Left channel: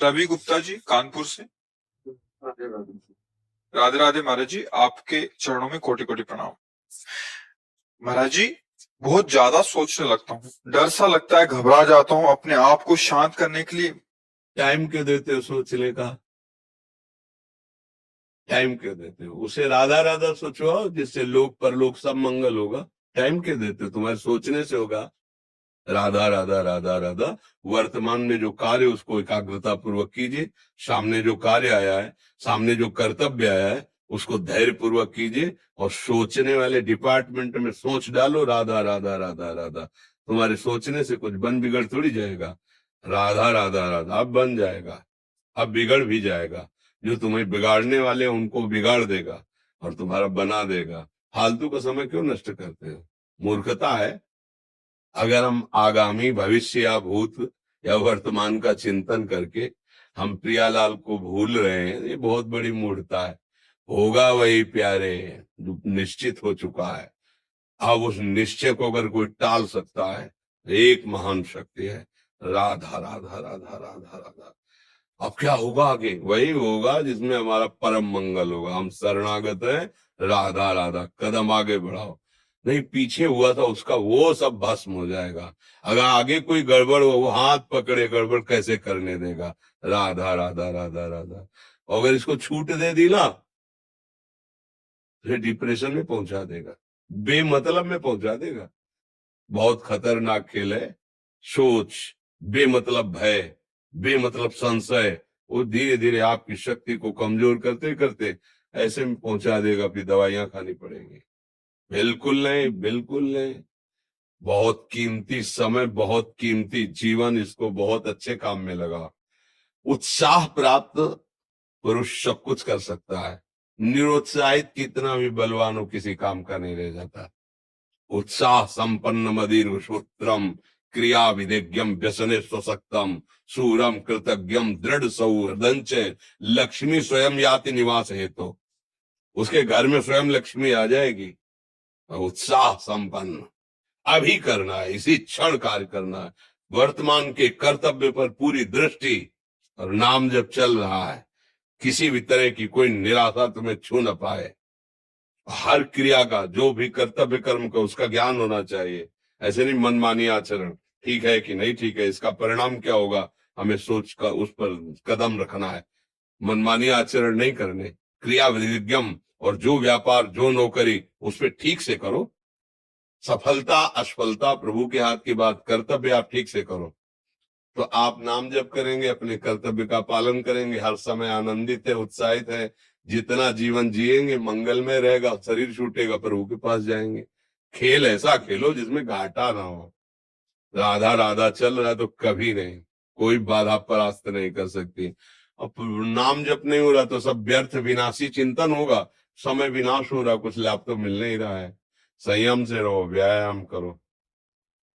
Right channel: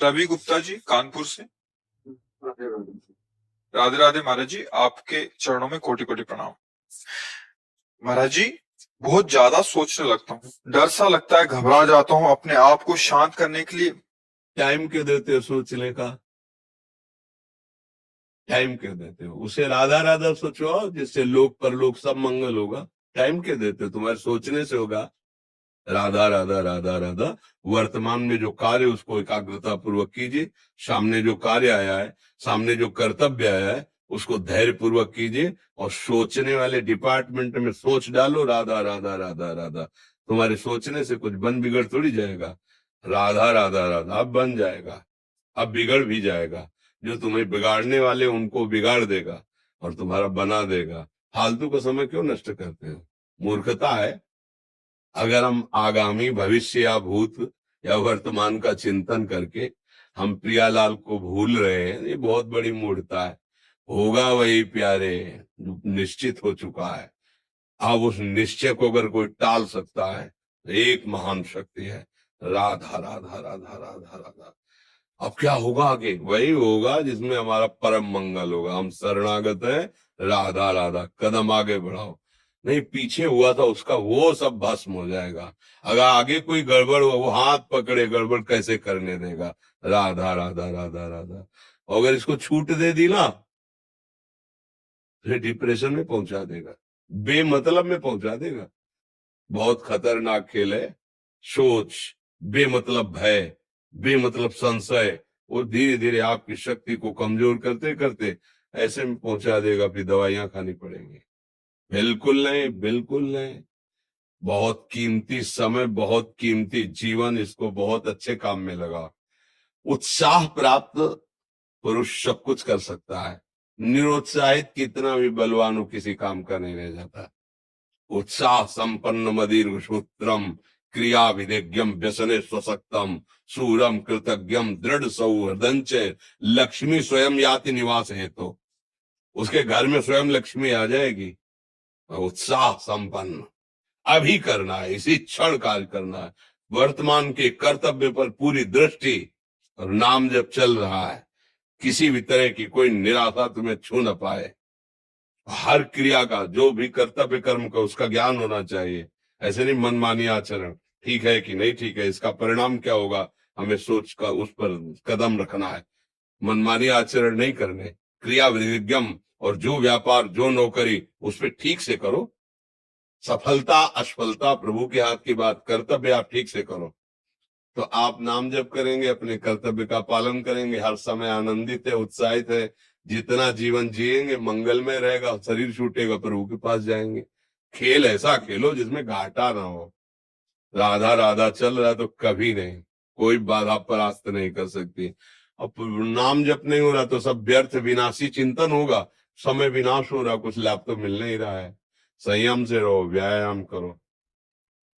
रवि गुप्ता जी कानपुर से। राधे राधे महाराज जी, आपके चरणों में कोटि कोटि प्रणाम। महाराज जी, बहुत ज्यादा सोचने लगता हूँ, डर सा लगता है, घबरा जाता हूँ। अपने आप को शांत करने के लिए टाइम क्यों देते हो सोचने का? टाइम क्यों देते हो? उसे राधा राधा सोचवाओ जिससे लोक परलोक सब मंगल होगा। टाइम क्यों देते हो? तुम्हारे सोचने से होगा। राधा राधा राधा राधा। वर्तमान में जो कार्य उसको एकाग्रता पूर्वक कीजिए। सामने जो कार्य आया है, सामने जो कर्तव्य आया है, उसको धैर्य पूर्वक कीजिए। और सोचने वाले डिपार्टमेंट में सोच डालो राधा राधा राधा राधा। तुम्हारे सोचने से कुछ बन बिगड़ थोड़ी जाएगा। राधा राधा राधा अब बन जाएगा, अब बिगड़ भी जाएगा। जो तुम्हें बिगाड़ने वाले उनको बिगाड़ देगा और तुम्हारा बना देगा। फालतू का समय क्यों नष्ट करते हो? मूर्खता है। अगर हम आगामी भविष्य या भूत या वर्तमान का चिंतन करके हम प्रियालाल को भूल रहे हैं, ये बहुत बड़ी मूर्खता है। होगा वही प्यारे जो निश्चित हो चुका है। अब उस निश्चय को अगर कोई टाल सकता है तो एक महान शक्ति है, राधा राधा राधा राधा राधा। अब क्या होगा आगे? वही होगा जिसमें हमारा परम मंगल होगा। हम शरणागत हैं, राधा राधा। कदम आगे बढ़ाओ। नहीं, पीछे हुआ था उसका वो सब भस्म हो जाएगा। अगर आगे कोई गड़बड़ हो, वो हाथ पकड़े गड़बड़ कैसे करने देगा? राधा राधा राधा राधा। अगर इसको छूट दे दी ना, फिर डिप्रेशन में पहुंचा देगा, बेमतलब में पहुंचा देगा। बहुत खतरनाक खेल है। सोच, बेमतलब भय, बेमतलब संशय, वो धीरे धीरे आपकी शक्ति को कमजोर करते करते ऐसे में पहुंचा देगा, फिर दवाइयां खानी पड़ेंगी। बिल्कुल नहीं, बिल्कुल नहीं। बहुत कीमती समय, बहुत कीमती जीवन, इसको बहुत अच्छे काम में लगा। उत्साह प्राप्त पुरुष सब कुछ कर सकता है। निरुत्साहित कितना भी बलवान हो, किसी काम का नहीं रह जाता। उत्साह संपन्न मदीर सूत्रम क्रिया विदेज्ञम व्यसने स्वसक्तम सूरम कृतज्ञम दृढ़ सौहृदंच लक्ष्मी स्वयं याति निवास है। तो उसके घर में स्वयं लक्ष्मी आ जाएगी। उत्साह संपन्न अभी करना है, इसी क्षण कार्य करना है। वर्तमान के कर्तव्य पर पूरी दृष्टि और नाम जब चल रहा है, किसी भी तरह की कोई निराशा तुम्हें छू न पाए। हर क्रिया का, जो भी कर्तव्य कर्म का, उसका ज्ञान होना चाहिए। ऐसे नहीं मनमानी आचरण, ठीक है कि नहीं ठीक है, इसका परिणाम क्या होगा, हमें सोच कर उस पर कदम रखना है। मनमानी आचरण नहीं करने, क्रिया विधिज्ञम, और जो व्यापार जो नौकरी उस पर ठीक से करो। सफलता असफलता प्रभु के हाथ की बात, कर्तव्य आप ठीक से करो तो आप नाम जप करेंगे, अपने कर्तव्य का पालन करेंगे, हर समय आनंदित है, उत्साहित है। जितना जीवन जिएंगे मंगल में रहेगा, शरीर छूटेगा प्रभु के पास जाएंगे। खेल ऐसा खेलो जिसमें घाटा ना हो। राधा राधा चल रहा है तो कभी नहीं, कोई बाधा परास्त नहीं कर सकती। अब नाम जप नहीं हो रहा तो सब व्यर्थ विनाशी चिंतन होगा। समय विनाश हो रहा, कुछ लाभ तो मिल नहीं रहा है। संयम से रहो, व्यायाम करो,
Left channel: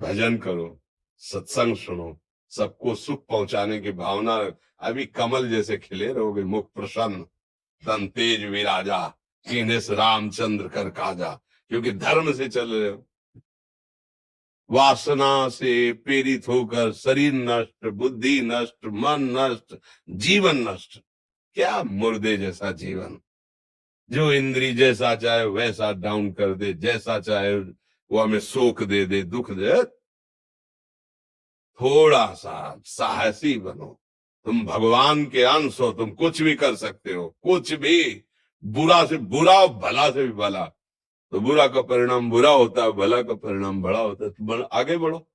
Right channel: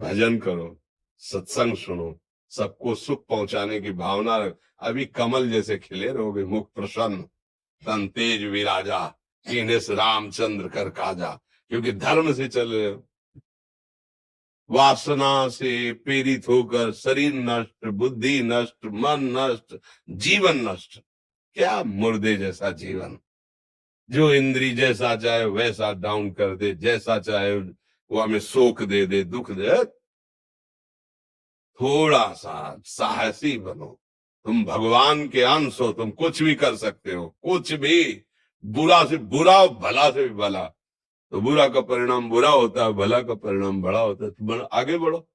भजन करो, सत्संग सुनो, सबको सुख पहुंचाने की भावना रख। अभी कमल जैसे खिले रहोगे, मुख प्रसन्न, तन तेज विराजा, कीनेस रामचंद्र कर काजा। क्योंकि धर्म से चल रहे हो। वासना से पीड़ित होकर शरीर नष्ट, बुद्धि नष्ट, मन नष्ट, जीवन नष्ट। क्या मुर्दे जैसा जीवन, जो इंद्री जैसा चाहे वैसा डाउन कर दे, जैसा चाहे वो हमें शोक दे दे, दुख दे। थोड़ा सा साहसी बनो। तुम भगवान के अंश हो, तुम कुछ भी कर सकते हो, कुछ भी। बुरा से बुरा, भला से भी भला। तो बुरा का परिणाम बुरा होता है, भला का परिणाम बड़ा होता है। तुम आगे बढ़ो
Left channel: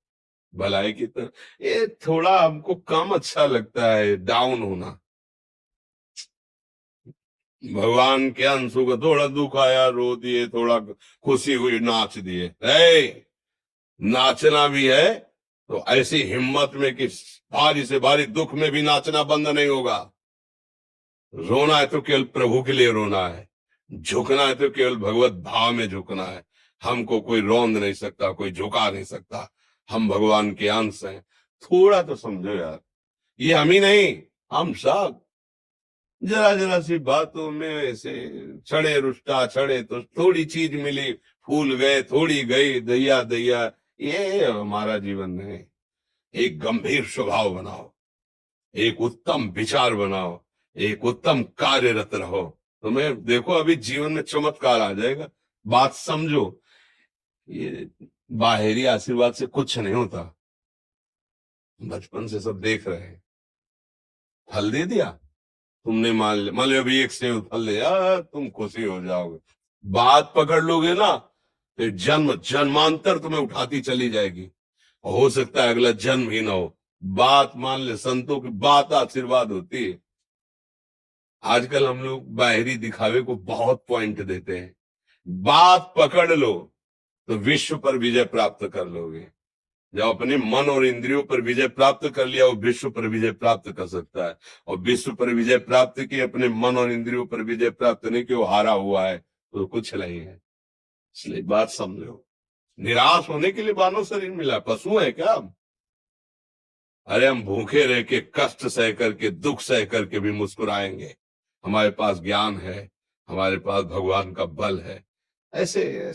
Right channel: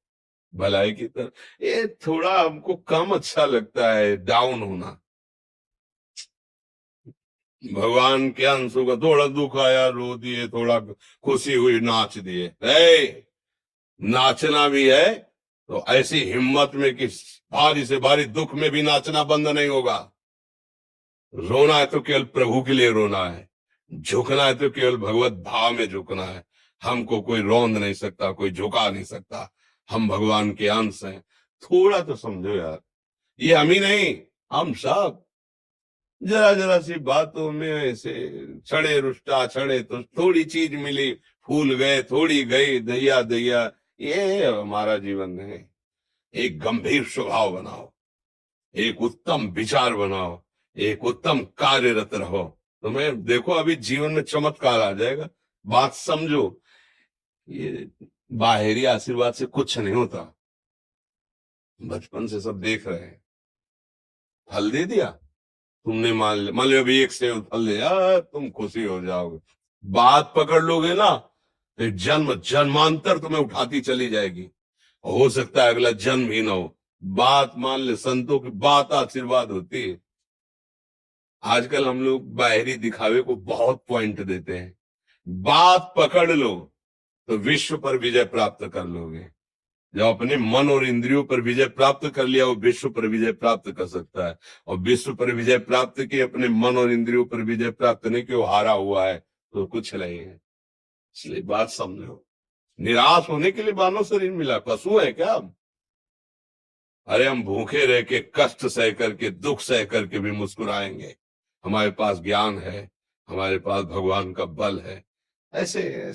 भलाई की तरफ। ये थोड़ा हमको कम अच्छा लगता है डाउन होना। भगवान के अंश होगा, थोड़ा दुख आया रो दिए, थोड़ा खुशी हुई नाच दिए। नाचना भी है तो ऐसी हिम्मत में कि भारी से भारी दुख में भी नाचना बंद नहीं होगा। रोना है तो केवल प्रभु के लिए रोना है, झुकना है तो केवल भगवत भाव में झुकना है। हमको कोई रौंद नहीं सकता, कोई झुका नहीं सकता। हम भगवान के अंश हैं। थोड़ा तो समझो यार, ये हम ही नहीं, हम सब जरा जरा सी बातों में ऐसे छड़े रुष्टा छड़े तो थोड़ी चीज मिली, फूल गए, थोड़ी गई, दैया दैया। ये हमारा जीवन नहीं। एक गंभीर स्वभाव बनाओ, एक उत्तम विचार बनाओ, एक उत्तम कार्यरत रहो। तुम्हें देखो अभी जीवन में चमत्कार आ जाएगा। बात समझो, ये बाहरी आशीर्वाद से कुछ नहीं होता। बचपन से सब देख रहे हैं, फल दे दिया तुमने, मान लो अभी एक सेब फल लिया, तुम खुशी हो जाओगे। बात पकड़ लोगे ना तो जन्म जन्मांतर तुम्हें उठाती चली जाएगी। हो सकता है अगला जन्म ही ना हो। बात मान ले, संतों की बात आशीर्वाद होती है। आजकल हम लोग बाहरी दिखावे को बहुत पॉइंट देते हैं। बात पकड़ लो तो विश्व पर विजय प्राप्त कर लोगे। जो अपने मन और इंद्रियों पर विजय प्राप्त कर लिया, वो विश्व पर विजय प्राप्त कर सकता है। और विश्व पर विजय प्राप्त की, अपने मन और इंद्रियों पर विजय प्राप्त नहीं कि वो हारा हुआ है तो कुछ नहीं है। इसलिए बात समझो, निराश होने के लिए मानव शरीर मिला, पशु है क्या हम? अरे हम भूखे रह के, कष्ट सह करके, दुख सह करके भी मुस्कुराएंगे। हमारे पास ज्ञान है, हमारे पास भगवान का बल है। ऐसे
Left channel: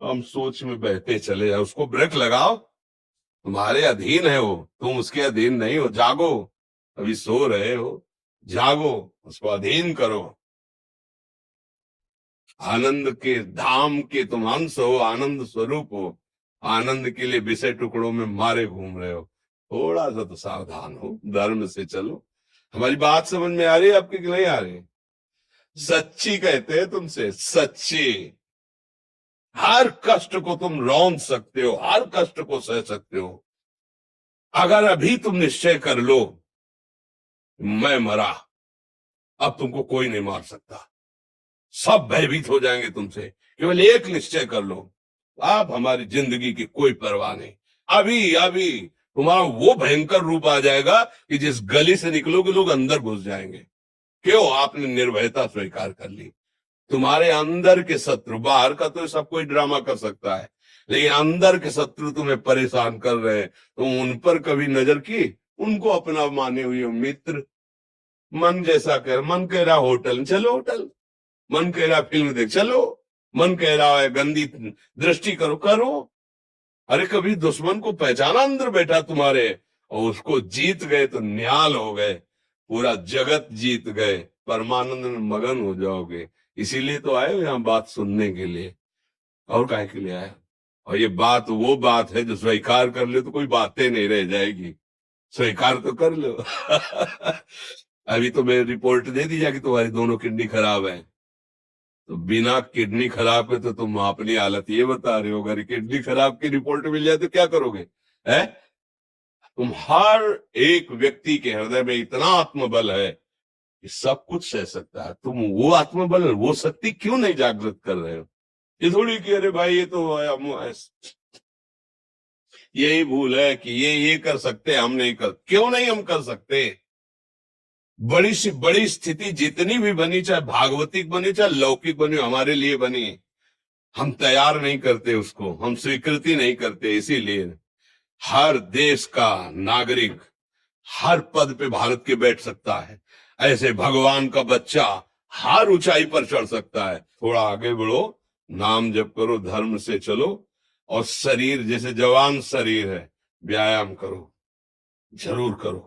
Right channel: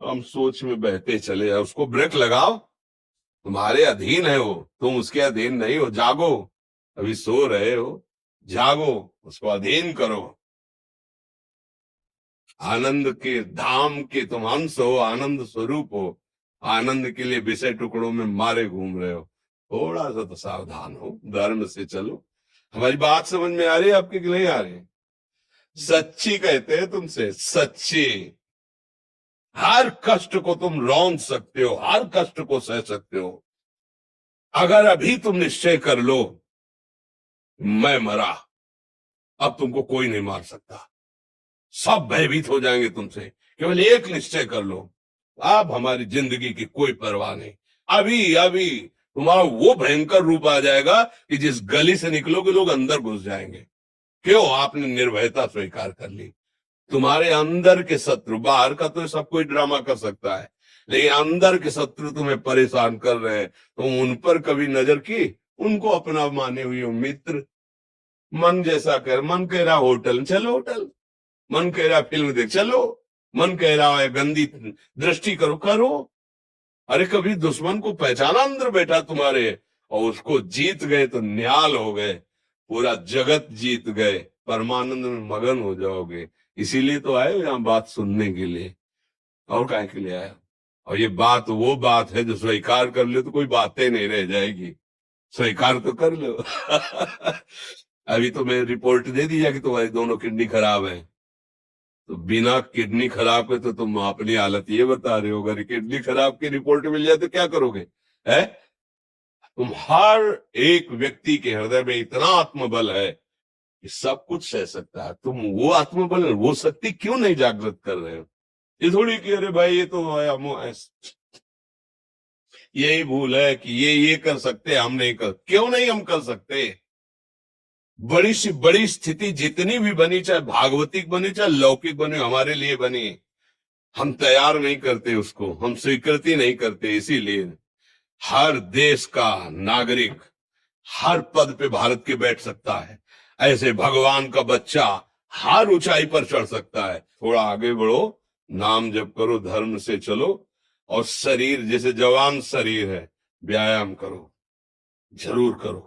हम सोच में बहते चले जाओ। उसको ब्रेक लगाओ, तुम्हारे अधीन है वो, तुम उसके अधीन नहीं हो। जागो, अभी सो रहे हो, जागो, उसको अधीन करो। आनंद के धाम के तुम अंश हो, आनंद स्वरूप हो। आनंद के लिए विषय टुकड़ों में मारे घूम रहे हो। थोड़ा सा तो सावधान हो, धर्म से चलो। हमारी बात समझ में आ रही है आपकी कि नहीं आ रही? सच्ची कहते हैं तुमसे, सच्ची। हर कष्ट को तुम रौंद सकते हो, हर कष्ट को सह सकते हो। अगर अभी तुम निश्चय कर लो मैं मरा, अब तुमको कोई नहीं मार सकता। सब भयभीत हो जाएंगे तुमसे। केवल एक निश्चय कर लो, अब हमारी जिंदगी की कोई परवाह नहीं। अभी अभी तुम्हारा वो भयंकर रूप आ जाएगा कि जिस गली से निकलोगे लोग अंदर घुस जाएंगे। क्यों? आपने निर्भयता स्वीकार कर ली। तुम्हारे अंदर के शत्रु, बाहर का तो सब कोई ड्रामा कर सकता है, लेकिन अंदर के शत्रु तुम्हें परेशान कर रहे हैं, तुम उन पर कभी नजर की? उनको अपना माने हुए मित्र। मन जैसा कर, मन कह रहा होटल चलो होटल, मन कह रहा फिल्म देख चलो, मन कह रहा है गंदी दृष्टि करो करो। अरे कभी दुश्मन को पहचाना अंदर बैठा तुम्हारे, और उसको जीत गए तो निहाल हो गए, पूरा जगत जीत गए, परमानंद में मगन हो जाओगे। इसीलिए तो आए हो यहाँ बात सुनने के लिए, और काहे के लिए आए? और ये बात वो बात है जो स्वीकार कर ले तो कोई बातें नहीं रह जाएगी। स्वीकार तो कर लो। अभी तो मैं रिपोर्ट दे दी जाए कि तुम्हारी दोनों किडनी खराब है, तो बिना किडनी खराब के तो तुम अपनी हालत ये बता रहे हो। अगर किडनी खराब की रिपोर्ट मिल जाए तो क्या करोगे? है? तुम हर एक व्यक्ति के हृदय में इतना आत्मबल है कि सब कुछ सह सकता है। तुम वो आत्मबल, वो शक्ति क्यों नहीं जागृत कर रहे हो? ये थोड़ी कि अरे भाई ये तो यही भूल है कि ये कर सकते हम नहीं कर। क्यों नहीं हम कर सकते? बड़ी सी बड़ी स्थिति जितनी भी बनी, चाहे भागवतिक बनी चाहे लौकिक बनी, हमारे लिए बनी, हम तैयार नहीं करते उसको, हम स्वीकृति नहीं करते। इसीलिए हर देश का नागरिक हर पद पे भारत के बैठ सकता है, ऐसे भगवान का बच्चा हर ऊंचाई पर चढ़ सकता है। थोड़ा आगे बढ़ो, नाम जप करो, धर्म से चलो, और शरीर जैसे जवान शरीर है, व्यायाम करो, जरूर करो।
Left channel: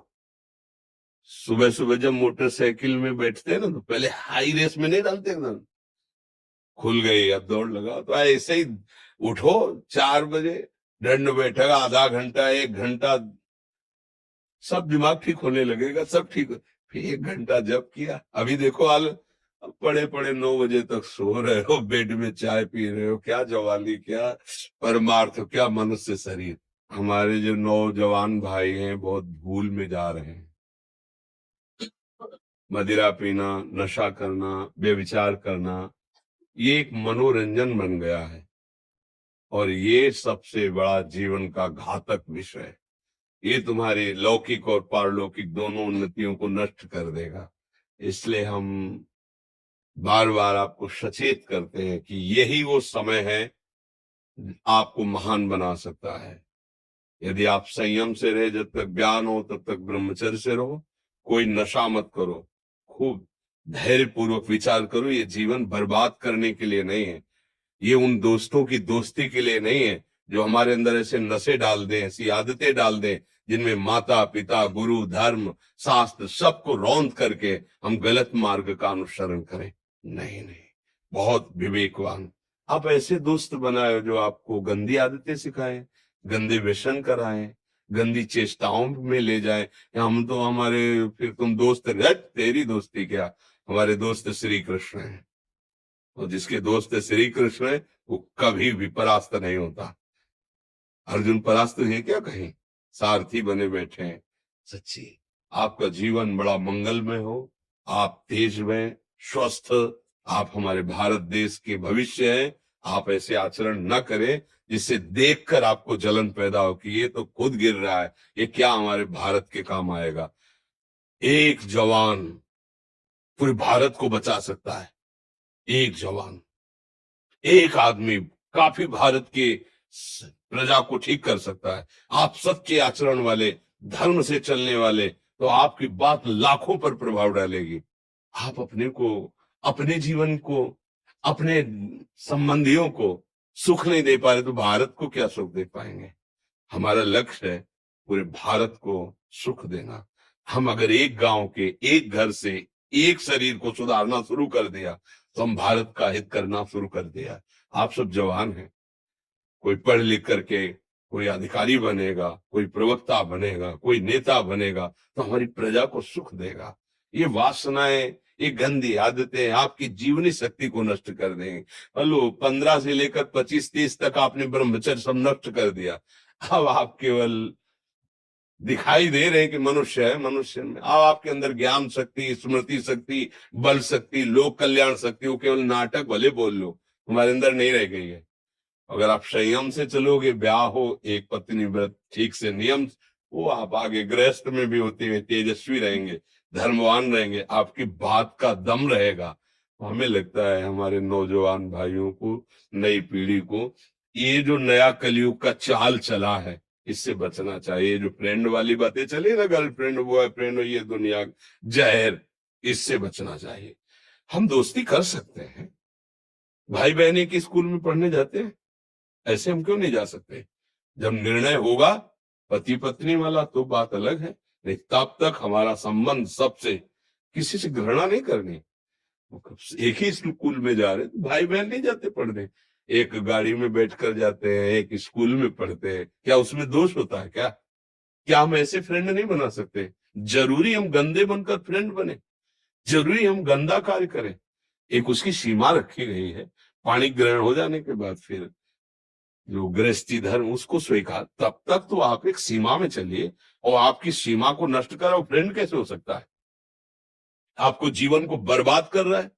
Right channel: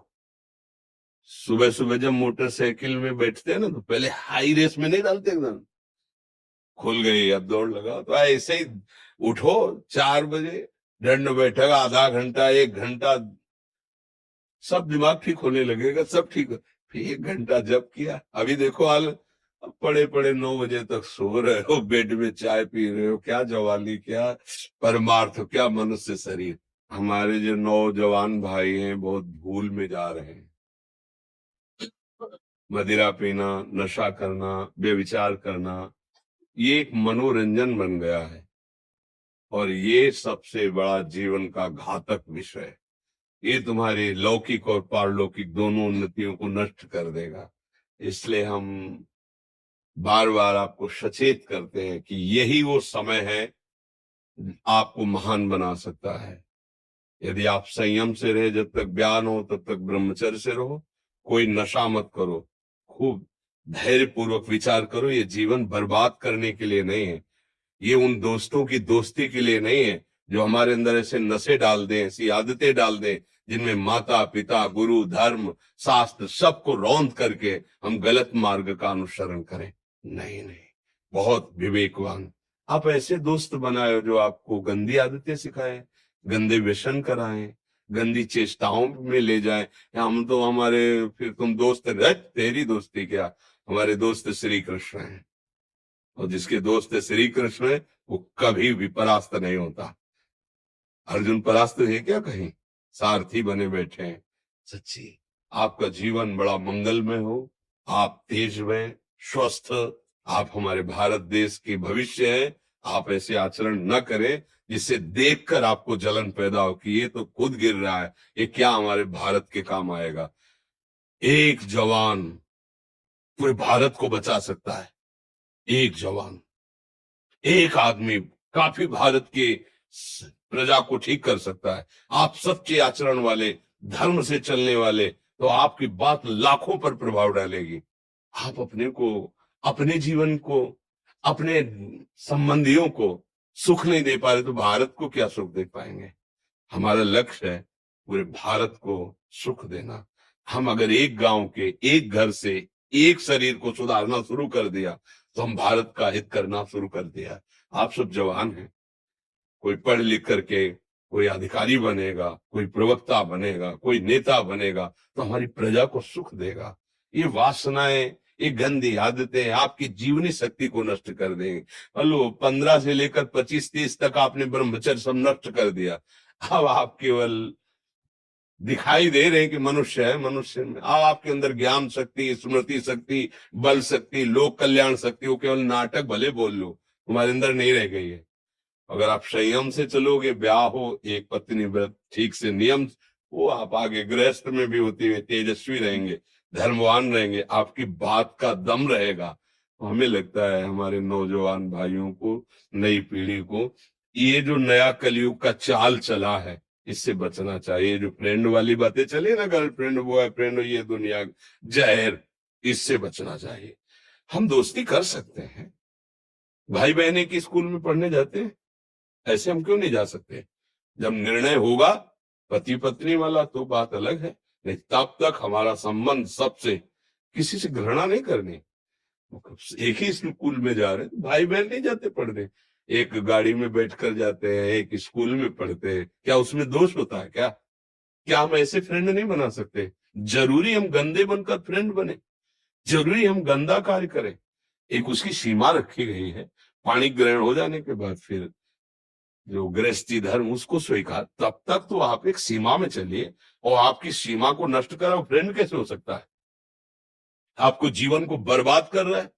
सुबह सुबह जब मोटरसाइकिल में बैठते हैं ना तो पहले हाई रेस में नहीं डालते, एकदम खुल गई अब दौड़ लगाओ, तो ऐसे ही उठो 4 बजे, दंड बैठक आधा घंटा 1 घंटा, सब दिमाग ठीक होने लगेगा, सब ठीक हो। फिर 1 घंटा जब किया, अभी देखो हाल, पड़े पड़े 9 बजे तक सो रहे हो, बेड में चाय पी रहे हो। क्या जवानी, क्या परमार्थ, क्या मनुष्य शरीर। हमारे जो नौजवान भाई हैं बहुत भूल में जा रहे हैं। मदिरा पीना, नशा करना, व्यभिचार करना, ये एक मनोरंजन बन गया है, और ये सबसे बड़ा जीवन का घातक विषय है। ये तुम्हारे लौकिक और पारलौकिक दोनों उन्नतियों को नष्ट कर देगा। इसलिए हम बार बार आपको सचेत करते हैं कि यही वो समय है आपको महान बना सकता है। यदि आप संयम से रहे, जब तक ज्ञान हो तब तक ब्रह्मचर्य से रहो, कोई नशा मत करो, खूब धैर्य पूर्वक विचार करो। ये जीवन बर्बाद करने के लिए नहीं है, ये उन दोस्तों की दोस्ती के लिए नहीं है जो हमारे अंदर ऐसे नशे डाल दें, ऐसी आदतें डाल दें जिनमें माता पिता गुरु धर्म शास्त्र सबको रौंद करके हम गलत मार्ग का अनुसरण करें। नहीं नहीं, बहुत विवेकवान। आप ऐसे दोस्त बनाए जो आपको गंदी आदतें सिखाए, गंदे व्यसन कराए, गंदी चेष्टाओं में ले जाए। या हम तो हमारे फिर तुम दोस्त, तेरी दोस्ती क्या, हमारे दोस्त श्री कृष्ण हैं, और जिसके दोस्त श्री कृष्ण है वो कभी भी परास्त नहीं होता। अर्जुन परास्त है क्या कहीं? सारथी बने बैठे हैं। सच्ची आपका जीवन बड़ा मंगलमय हो, आप तेज में स्वस्थ, आप हमारे भारत देश के भविष्य हैं। आप ऐसे आचरण न करें जिससे देखकर आपको जलन पैदा हो कि ये तो खुद गिर रहा है, ये क्या हमारे भारत के काम आएगा। एक जवान पूरे भारत को बचा सकता है, एक जवान, एक आदमी काफी भारत की प्रजा को ठीक कर सकता है। आप सच्चे आचरण वाले, धर्म से चलने वाले, तो आपकी बात लाखों पर प्रभाव डालेगी। आप अपने को, अपने जीवन को, अपने संबंधियों को सुख नहीं दे पा रहे तो भारत को क्या सुख दे पाएंगे? हमारा लक्ष्य है पूरे भारत को सुख देना। हम अगर एक गांव के, एक घर से, एक शरीर को सुधारना शुरू कर दिया तो हम भारत का हित करना शुरू कर दिया। आप सब जवान हैं, कोई पढ़ लिख करके कोई अधिकारी बनेगा, कोई प्रवक्ता बनेगा, कोई नेता बनेगा तो हमारी प्रजा को सुख देगा। ये वासनाएं, ये गंदी आदतें आपकी जीवनी शक्ति को नष्ट कर देंगे। मान लो 15 से लेकर 25-30 तक आपने ब्रह्मचर्य सब नष्ट कर दिया, अब आप केवल दिखाई दे रहे हैं कि मनुष्य है, मनुष्य में अब आपके अंदर ज्ञान शक्ति, स्मृति शक्ति, बल शक्ति, लोक कल्याण शक्ति, वो केवल नाटक भले बोल लो, तुम्हारे अंदर नहीं रह गई है। अगर आप संयम से चलोगे, ब्याह हो, एक पत्नी व्रत ठीक से नियम, वो आप आगे गृहस्थ में भी होते हुए तेजस्वी रहेंगे, धर्मवान रहेंगे, आपकी बात का दम रहेगा। तो हमें लगता है हमारे नौजवान भाइयों को, नई पीढ़ी को, ये जो नया कलयुग का चाल चला है इससे बचना चाहिए। जो फ्रेंड वाली बातें चली ना, गर्लफ्रेंड बॉयफ्रेंड, ये दुनिया जहर, इससे बचना चाहिए। हम दोस्ती कर सकते हैं, भाई बहन की स्कूल में पढ़ने जाते हैं, ऐसे हम क्यों नहीं जा सकते? जब निर्णय होगा पति पत्नी वाला तो बात अलग है, नहीं तब तक हमारा संबंध सबसे, किसी से घृणा नहीं करनी। एक ही स्कूल में जा रहे हैं, भाई बहन नहीं जाते पढ़ने, एक गाड़ी में बैठकर जाते हैं, एक स्कूल में पढ़ते हैं, क्या उसमें दोष होता है क्या? क्या हम ऐसे फ्रेंड नहीं बना सकते? जरूरी हम गंदे बनकर फ्रेंड बने? जरूरी हम गंदा कार्य करें? एक उसकी सीमा रखी गई है। पाणी ग्रहण हो जाने के बाद फिर जो गृहस्थी धर्म उसको स्वीकार, तब तक तो आप एक सीमा में चलिए, और आपकी सीमा को नष्ट करा वो फ्रेंड कैसे हो सकता है? आपको जीवन को बर्बाद कर रहा है,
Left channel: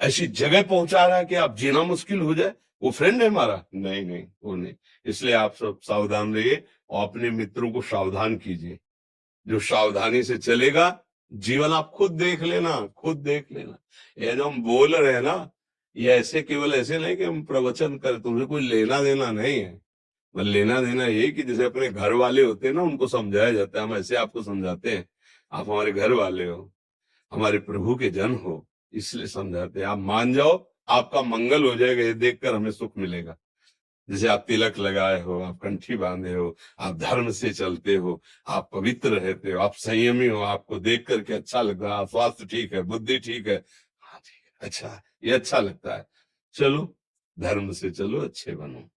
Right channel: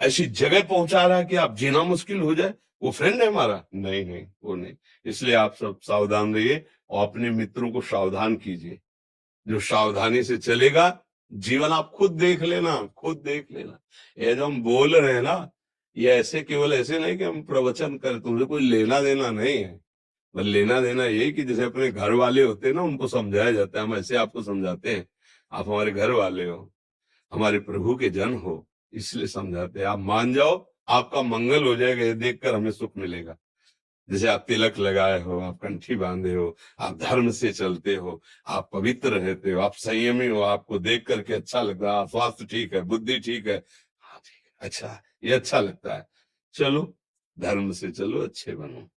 ऐसी जगह पहुंचा रहा है कि आप जीना मुश्किल हो जाए, वो फ्रेंड है हमारा? नहीं नहीं, वो नहीं। इसलिए आप सब सावधान रहिए और अपने मित्रों को सावधान कीजिए। जो सावधानी से चलेगा, जीवन आप खुद देख लेना, खुद देख लेना। ये जो हम बोल रहे हैं ना, ये ऐसे केवल ऐसे नहीं कि हम प्रवचन कर, तुमसे कोई लेना देना नहीं है। बस लेना देना ये कि जैसे अपने घर वाले होते हैं ना, उनको समझाया जाता है, हम ऐसे आपको समझाते हैं। आप हमारे घर वाले हो, हमारे प्रभु के जन हो, इसलिए समझाते हैं। आप मान जाओ, आपका मंगल हो जाएगा, ये देखकर हमें सुख मिलेगा। जैसे आप तिलक लगाए हो, आप कंठी बांधे हो, आप धर्म से चलते हो, आप पवित्र रहते हो, आप संयमी हो, आपको देख करके अच्छा लगता है, स्वास्थ्य ठीक है, बुद्धि ठीक है, हाँ ठीक है, अच्छा, ये अच्छा लगता है। चलो, धर्म से चलो, अच्छे बनो।